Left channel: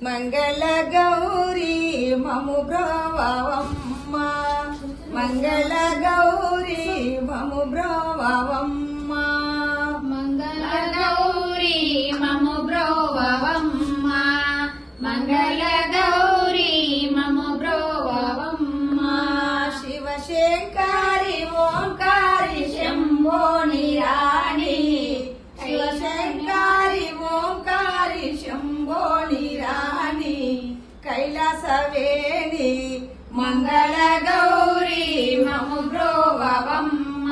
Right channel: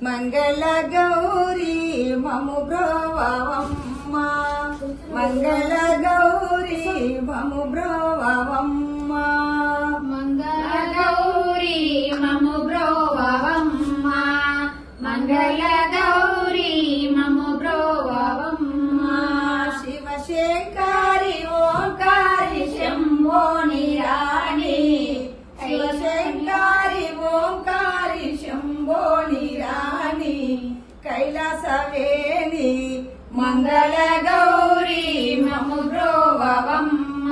మంగళ గౌరీ మము బ్రోవమ్మ మంగళ గౌరీ మము బ్రోవమ్మ మంగళ గౌరీ మము బ్రోవమ్మ మంగళ గౌరీ మము బ్రోవమ్మ శివశంకరి ఓంకారి శంభో నిరాణి శివశంకరి ఓంకారి శంభో నిరాణి కైలాసవేణి మంగళ గౌరీ మము బ్రోవమ్మ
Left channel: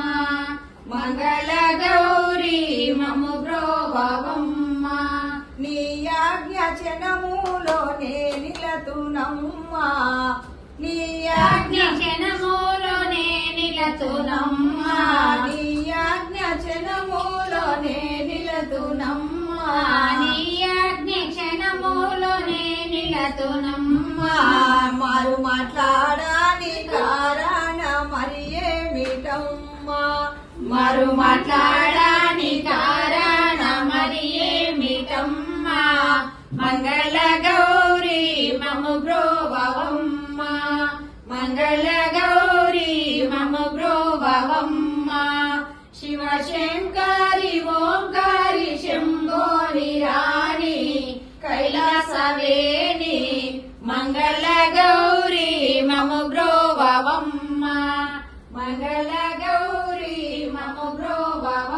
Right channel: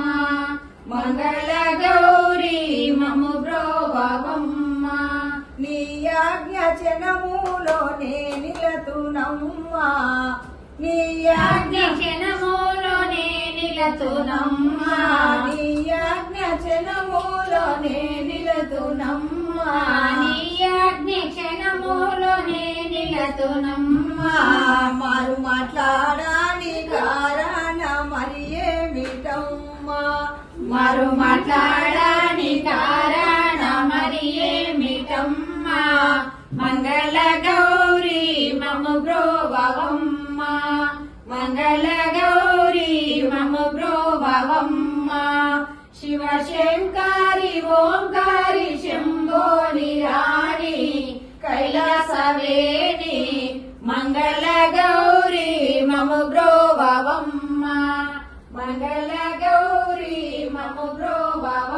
మంగళ గౌరీ మము బ్రోవమ్మ నీ ఆజ్ఞచనములోనే నిలతునమ్మా నీ క్షణములోనే నిలతునమ్మా నీ ఆజ్ఞచనములోనే నిలతునమ్మా నీ క్షణములోనే నిలతునమ్మా మారు మాట్లాడాని కారణ మరి ఏమిటమ్మా మరు మాట్లాడాని కారణ మరి ఏమిటమ్మా మంగళ గౌరీ మము బ్రోవమ్మ మంగళ గౌరీ మము బ్రోవమ్మ శివశంకరి ఓంకారి శంభో నిరాణి కైలాసవేణి మంగళ గౌరీ మము బ్రోవమ్మ మంగళ గౌరీ మము బ్రోవమ్మ